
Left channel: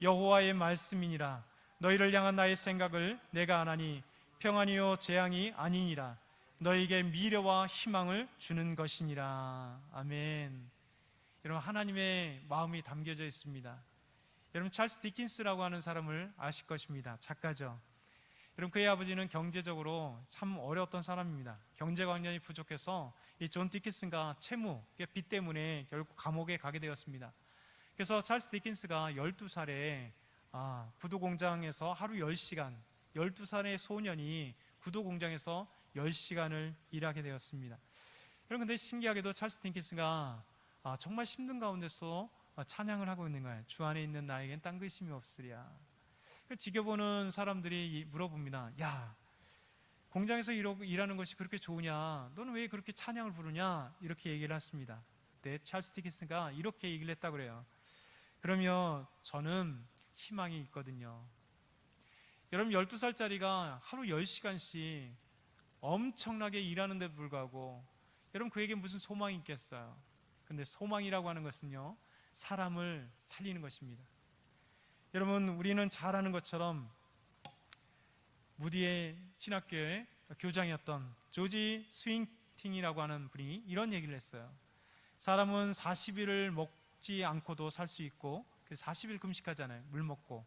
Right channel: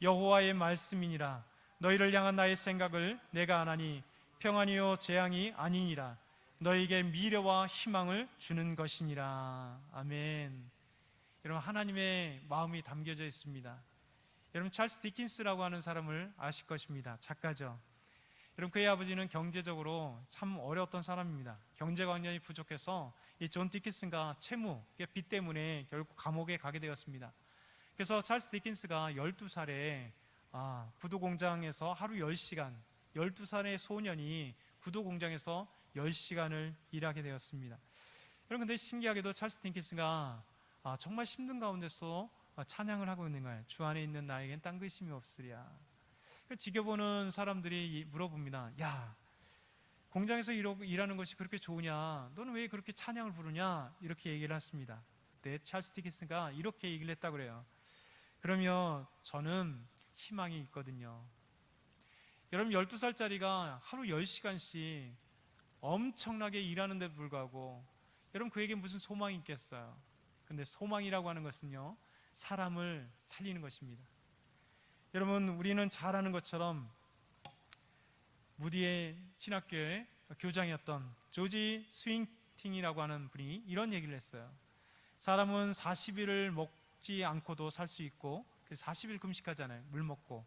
여호와의 말씀이니라. 너희를 향한 나의 생각을 내가 아나니 평안이요 재앙이 아니니라. 너희에게 미래와 희망을 주는 것이니라. 아멘. 여러분, 하나님의 마음이 담겨져 있습니다. 여러분, 찰스 디킨스라고 하는 사람을 아실 것입니다. 작가죠. 여러분, 그의 아버지는 경제적으로 참 어려웠던 사람입니다. 경제가 완전히 부족해서 이 존 디킨스가 채무, 빚 때문에 결국 감옥에 가게 되었습니다. 그래서 찰스 디킨스가 12살에 구두공장에서 하루 10시간, 12살의 소년이 구두공장에서 10시간을 일하게 되었습니다. 여러분, 근데 신기하게도 찰스 디킨스가 정말 힘든 가운데서 찬양을 하고 있는 거예요. 주 안에 있는 나에겐 딴 근심이 없으랴. 지켜보는 사람들이 물어봅니다. 야, 공장에서 일하는 것이 그렇게 좋으냐? 너는 왜 그렇게 찬양을 부르냐? 이렇게 얘기를 했습니다. 그때 찰스 디킨스가 이렇게 얘기를 했다고 그래요. 그러면 저는 희망이 있거든요. 여러분, 12살짜리가 하루 10시간씩 엄청나게 일하는데도 불구하고 여러분, 그에게 무슨 소망이 있겠어요? 근데 소망이라고 하는 것은요, 사람을 살리는 것입니다. 여러분, 우리는 잘 아는 것처럼 무디의 신학교의 교장이었던 조지 스윙팅이라고 하는 분이 이런 얘기를 했어요. 사람은 40일을 먹지 않고도 살 수 있고 40일 금식하잖아요. 물 먹고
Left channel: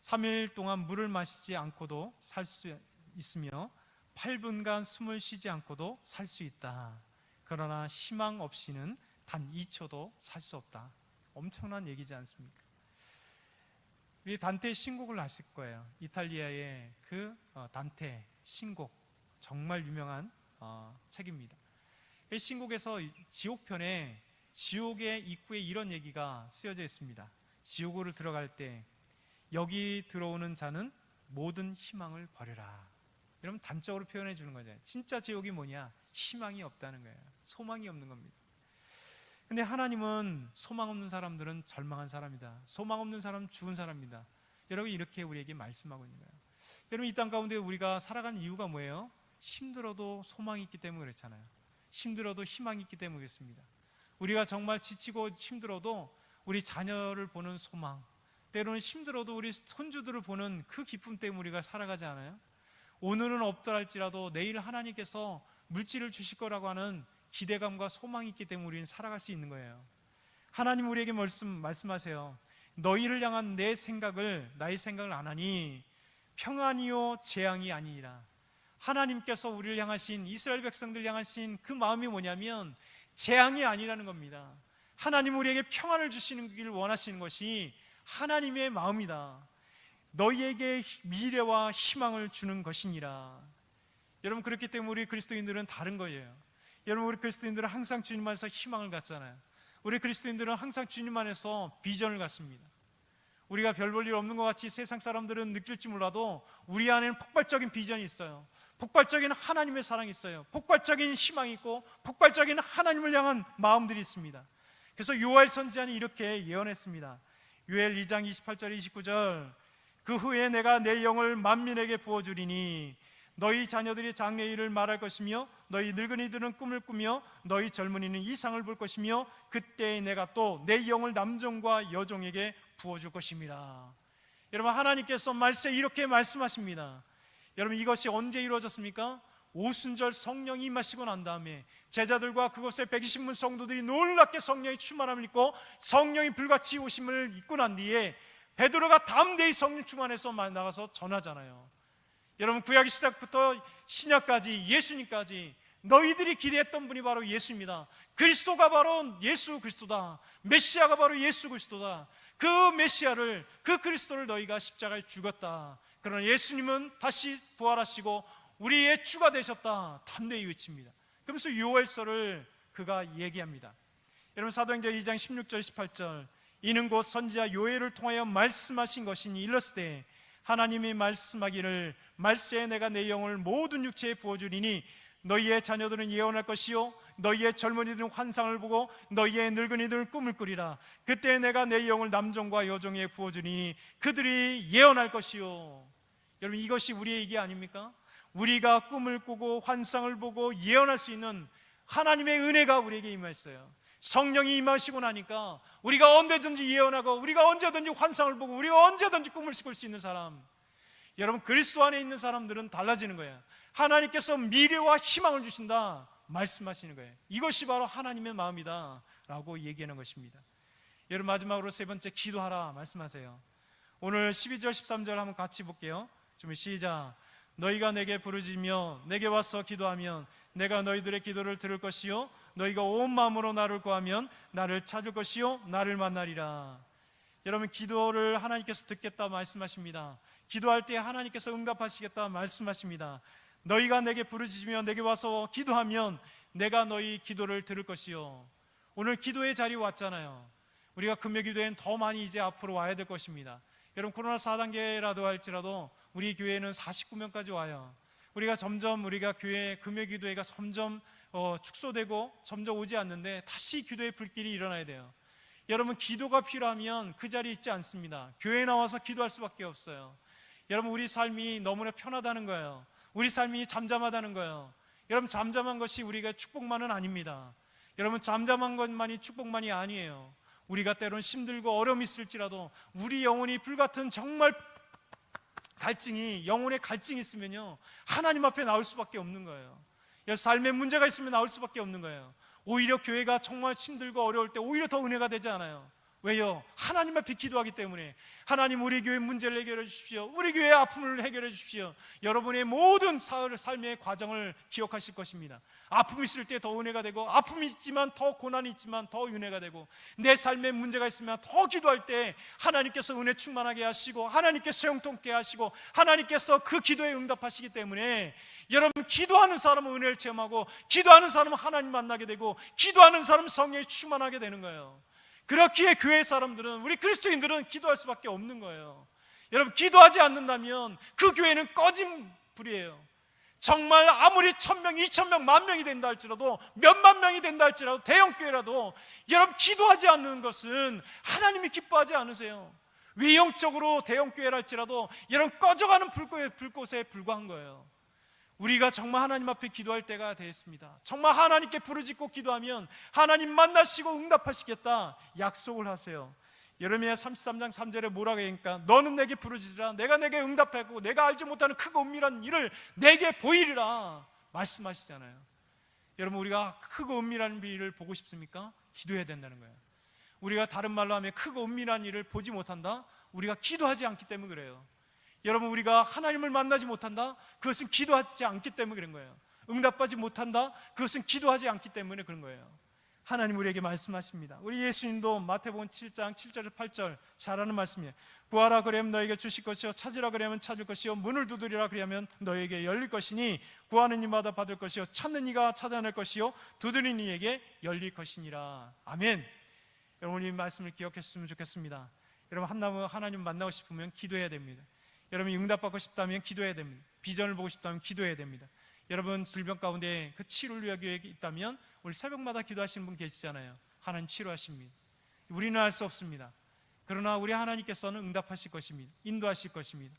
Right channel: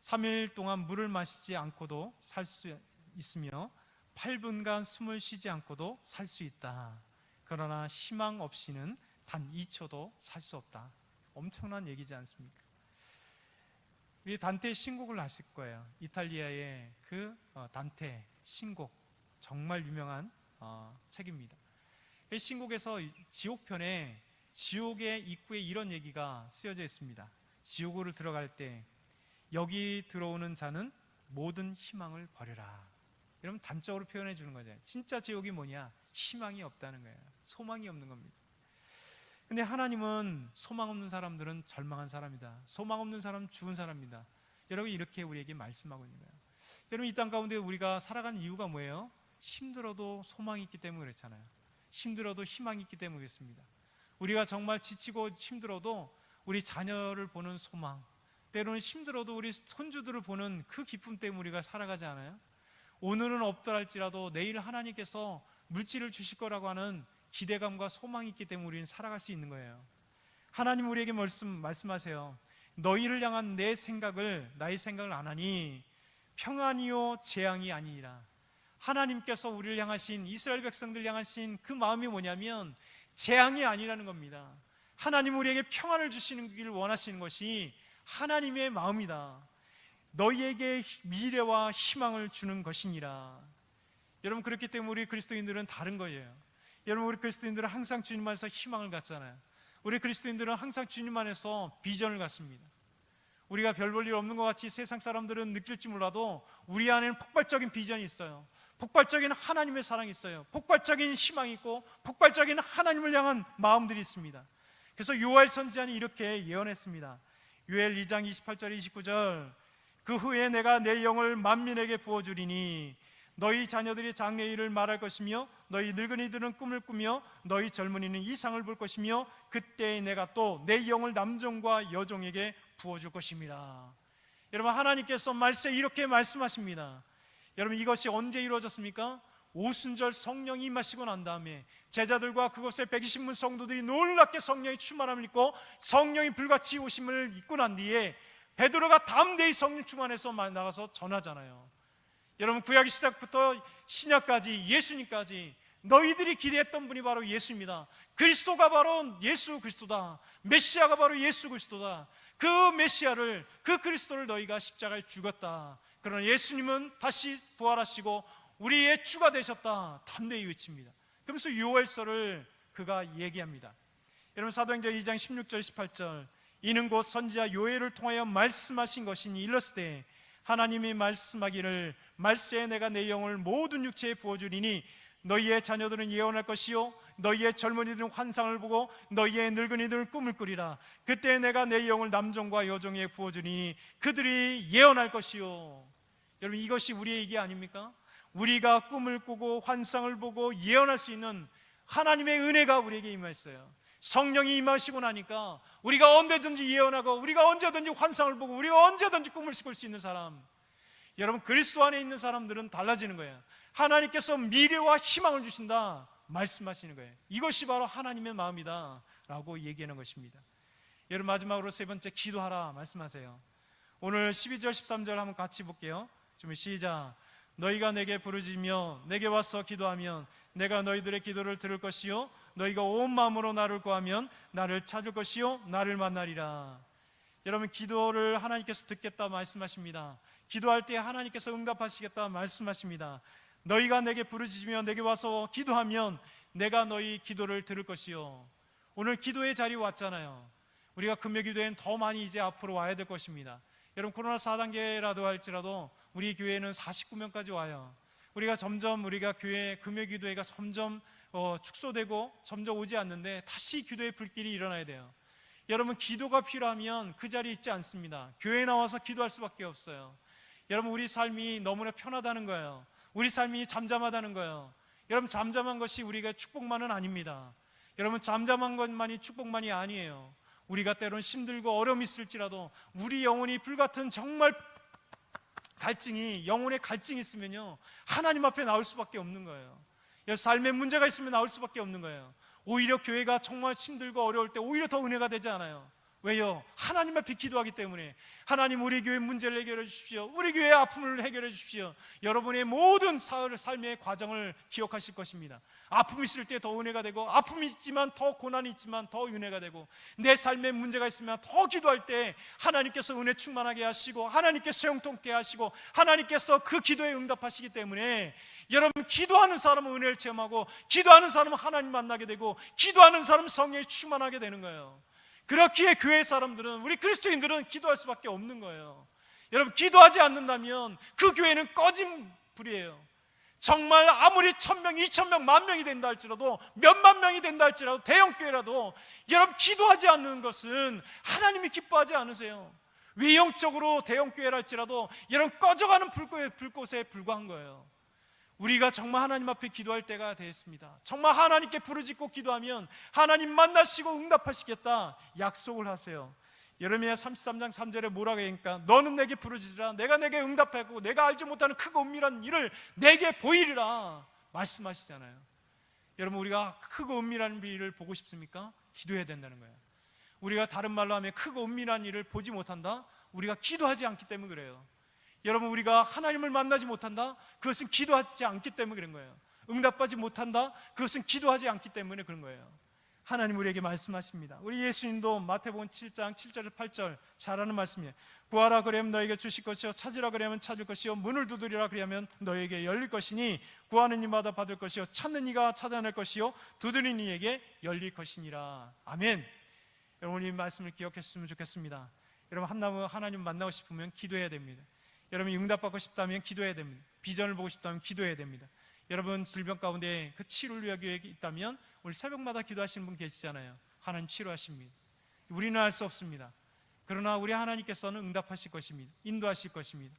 3일 동안 물을 마시지 않고도 살 수 있으며 8분간 숨을 쉬지 않고도 살 수 있다. 그러나 희망 없이는 단 2초도 살 수 없다. 엄청난 얘기지 않습니까? 우리 단테의 신곡을 아실 거예요. 이탈리아의 그 단테 신곡, 정말 유명한 책입니다. 이 신곡에서 지옥편에 지옥의 입구에 이런 얘기가 쓰여져 있습니다. 지옥으로 들어갈 때 여기 들어오는 자는 모든 희망을 버려라. 여러분, 단적으로 표현해 주는 거죠. 진짜 지옥이 뭐냐? 희망이 없다는 거예요. 소망이 없는 겁니다. 근데 하나님은 소망 없는 사람들은 절망한 사람이다. 소망 없는 사람은 죽은 사람이다. 여러분, 이렇게 우리에게 말씀하고 있는 거예요. 여러분, 이 땅 가운데 우리가 살아가는 이유가 뭐예요? 힘들어도 소망이 있기 때문에 그렇잖아요. 힘들어도 희망이 있기 때문에 그렇습니다. 우리가 정말 지치고 힘들어도 우리 자녀를 보는 소망, 때로는 힘들어도 우리 손주들을 보는 그 기쁨 때문에 우리가 살아가지 않아요? 오늘은 없더랄지라도 내일 하나님께서 물질을 주실 거라고 하는 기대감과 소망이 있기 때문에 우리는 살아갈 수 있는 거예요. 하나님 우리에게 말씀하세요. 너희를 향한 내 생각을 나의 생각을 안 하니 평안이요 재앙이 아니니라. 하나님께서 우리를 향하신, 이스라엘 백성들 향하신 그 마음이 뭐냐면 재앙이 아니라는 겁니다. 하나님 우리에게 평안을 주시는 길 원하시는 것이 하나님의 마음이다. 너희에게 미래와 희망을 주는 것이니라. 여러분, 그렇기 때문에 우리 그리스도인들은 다른 거예요. 여러분, 우리 그리스도인들은 항상 주님 안에서 희망을 갖잖아요. 우리 그리스도인들은 항상 주님 안에서 비전을 갖습니다. 우리가 별 볼 일 없는 것 같이 세상 사람들은 느낄지 몰라도 우리 안에는 폭발적인 비전이 있어요. 폭발적인 하나님의 사랑이 있어요. 폭발적인 희망이 있고 폭발적인 하나님을 향한 마음들이 있습니다. 그래서 요엘 선지자는 이렇게 예언했습니다. 요엘 2장 28절 29절 그 후에 내가 내 영을 만민에게 부어주리니 너희 자녀들이 장래일을 말할 것이며 너희 늙은이들은 꿈을 꾸며 너희 젊은이는 이상을 볼 것이며 그때에 내가 또 내 영을 남종과 여종에게 부어줄 것입니다. 여러분, 하나님께서 말씀에 이렇게 말씀하십니다. 여러분, 이것이 언제 이루어졌습니까? 오순절 성령이 임하시고 난 다음에 제자들과 그곳에 120문 성도들이 놀랍게 성령의 충만함을 입고 성령이 불같이 오심을 입고 난 뒤에 베드로가 담대히 성령 충만해서 나가서 전하잖아요. 여러분, 구약의 시작부터 신약까지 예수님까지 너희들이 기대했던 분이 바로 예수입니다. 그리스도가 바로 예수 그리스도다. 메시아가 바로 예수 그리스도다. 그 메시아를, 그 그리스도를 너희가 십자가에 죽었다. 그러나 예수님은 다시 부활하시고 우리의 주가 되셨다. 담대히 외칩니다. 그러면서 요엘서를 그가 얘기합니다. 여러분, 사도행전 2장 16절 18절 이는 곧 선지자 요엘을 통하여 말씀하신 것이니 일렀으되 하나님이 말씀하기를 말세에 내가 내 영을 모든 육체에 부어주리니 너희의 자녀들은 예언할 것이요 너희의 젊은이들은 환상을 보고 너희의 늙은이들은 꿈을 꾸리라. 그때 내가 내 영을 남종과 여종에 부어주리니 그들이 예언할 것이요. 여러분, 이것이 우리의 얘기 아닙니까? 우리가 꿈을 꾸고 환상을 보고 예언할 수 있는 하나님의 은혜가 우리에게 임했어요. 성령이 임하시고 나니까 우리가 언제든지 예언하고 우리가 언제든지 환상을 보고 우리가 언제든지 꿈을 꿀 수 있는 사람, 여러분, 그리스도 안에 있는 사람들은 달라지는 거예요. 하나님께서 미래와 희망을 주신다 말씀하시는 거예요. 이것이 바로 하나님의 마음이다 라고 얘기하는 것입니다. 여러분, 마지막으로 세 번째, 기도하라 말씀하세요. 오늘 12절 13절 한번 같이 볼게요. 좀 시작. 너희가 내게 부르짖으며 내게 와서 기도하면 내가 너희들의 기도를 들을 것이요 너희가 온 마음으로 나를 구하면 나를 찾을 것이요 나를 만나리라. 여러분, 기도를 하나님께서 듣겠다 말씀하십니다. 기도할 때 하나님께서 응답하시겠다 말씀하십니다. 너희가 내게 부르짖으며 내게 와서 기도하면 내가 너희 기도를 들을 것이요. 오늘 기도의 자리에 왔잖아요. 우리가 금요기도엔 더 많이 이제 앞으로 와야 될 것입니다. 여러분, 코로나 4단계라도 할지라도 우리 교회는 49명까지 와요. 우리가 점점 우리가 교회 금요기도회가 점점 축소되고 점점 오지 않는데 다시 기도의 불길이 일어나야 돼요. 여러분, 기도가 필요하면 그 자리에 있지 않습니다. 교회에 나와서 기도할 수밖에 없어요. 여러분, 우리 삶이 너무나 편하다는 거예요. 우리 삶이 잠잠하다는 거예요. 여러분, 잠잠한 것이 우리가 축복만은 아닙니다. 여러분, 잠잠한 것만이 축복만이 아니에요. 우리가 때론 힘들고 어려움이 있을지라도 우리 영혼이 불같은 정말 갈증이, 영혼의 갈증이 있으면요, 하나님 앞에 나올 수밖에 없는 거예요. 삶의 문제가 있으면 나올 수밖에 없는 거예요. 오히려 교회가 정말 힘들고 어려울 때 오히려 더 은혜가 되지 않아요. 왜요? 하나님 앞에 기도하기 때문에. 하나님, 우리 교회 문제를 해결해 주십시오. 우리 교회의 아픔을 해결해 주십시오. 여러분의 모든 삶의 과정을 기억하실 것입니다. 아픔이 있을 때 더 은혜가 되고, 아픔이 있지만 더 고난이 있지만 더 은혜가 되고, 내 삶에 문제가 있으면 더 기도할 때 하나님께서 은혜 충만하게 하시고, 하나님께서 형통케 하시고, 하나님께서 그 기도에 응답하시기 때문에 여러분, 기도하는 사람은 은혜를 체험하고, 기도하는 사람은 하나님 만나게 되고, 기도하는 사람은 성령이 충만하게 되는 거예요. 그렇기에 교회 사람들은, 우리 그리스도인들은 기도할 수밖에 없는 거예요. 여러분, 기도하지 않는다면 그 교회는 꺼진 불이에요. 정말 아무리 1000명, 2000명, 10,000명이 된다 할지라도, 몇만 명이 된다 할지라도, 대형교회라도 여러분, 기도하지 않는 것은 하나님이 기뻐하지 않으세요. 외형적으로 대형교회라 할지라도 여러분, 꺼져가는 불꽃에 불과한 거예요. 우리가 정말 하나님 앞에 기도할 때가 되었습니다. 정말 하나님께 부르짖고 기도하면 하나님 만나시고 응답하시겠다 약속을 하세요. 예레미야 33장 3절에 뭐라고 하니까, 너는 내게 부르짖으라, 내가 내게 응답하고 내가 알지 못하는 크고 은밀한 일을 내게 보이리라 말씀하시잖아요. 여러분, 우리가 크고 은밀한 일을 보고 싶습니까? 기도해야 된다는 거예요. 우리가 다른 말로 하면 크고 은밀한 일을 보지 못한다? 우리가 기도하지 않기 때문에 그래요. 여러분, 우리가 하나님을 만나지 못한다? 그것은 기도하지 않기 때문에 그런 거예요. 응답받지 못한다? 그것은 기도하지 않기 때문에 그런 거예요. 하나님 우리에게 말씀하십니다. 우리 예수님도 마태복음 7장 7절 8절 잘 아는 말씀이에요. 구하라 그러면 너에게 주실 것이요, 찾으라 그러면 찾을 것이요, 문을 두드리라 그러면 너에게 열릴 것이니, 구하는 이마다 받을 것이요, 찾는 이가 찾아낼 것이요, 두드리는 이에게 열릴 것이니라. 아멘. 여러분, 이 말씀을 기억했으면 좋겠습니다. 여러분, 하나님 만나고 싶으면 기도해야 됩니다. 여러분, 응답받고 싶다면 기도해야 됩니다. 비전을 보고 싶다면 기도해야 됩니다. 여러분, 질병 가운데 그 치료를 위한 계획이 있다면 우리 새벽마다 기도하시는 분 계시잖아요. 하나님 치료하십니다. 우리는 알 수 없습니다. 그러나 우리 하나님께서는 응답하실 것입니다. 인도하실 것입니다.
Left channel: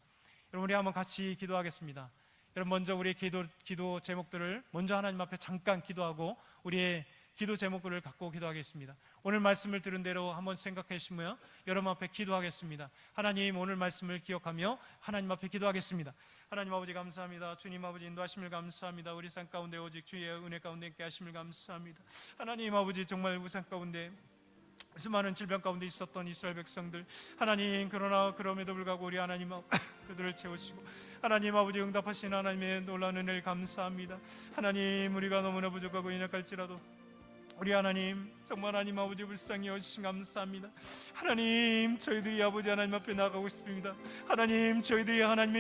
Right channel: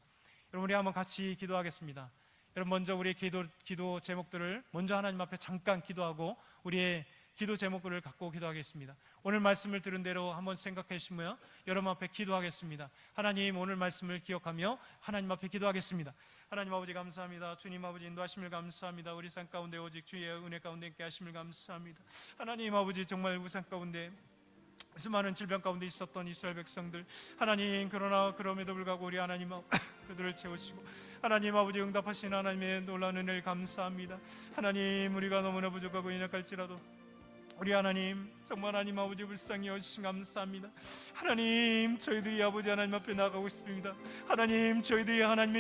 여러분, 우리 한번 같이 기도하겠습니다. 여러분, 먼저 우리의 기도 제목들을 먼저 하나님 앞에 잠깐 기도하고 우리의 기도 제목들을 갖고 기도하겠습니다. 오늘 말씀을 들은 대로 한번 생각해 주시며 여러분 앞에 기도하겠습니다. 하나님, 오늘 말씀을 기억하며 하나님 앞에 기도하겠습니다. 하나님 아버지, 감사합니다. 주님 아버지, 인도하심을 감사합니다. 우리 삶 가운데 오직 주의 은혜 가운데 있게 하심을 감사합니다. 하나님 아버지, 정말 우리 삶 가운데 수많은 질병 가운데 있었던 이스라엘 백성들, 하나님, 그러나 그럼에도 불구하고 우리 하나님 그들을 채우시고 하나님 아버지, 응답하신 하나님의 놀라운 은혜를 감사합니다. 하나님, 우리가 너무나 부족하고 연약할지라도 우리 하나님, 정말 하나님 아버지 불쌍히 여기시니 감사합니다. 하나님, 저희들이 아버지 하나님 앞에 나가고 싶습니다. 하나님, 저희들이 하나님의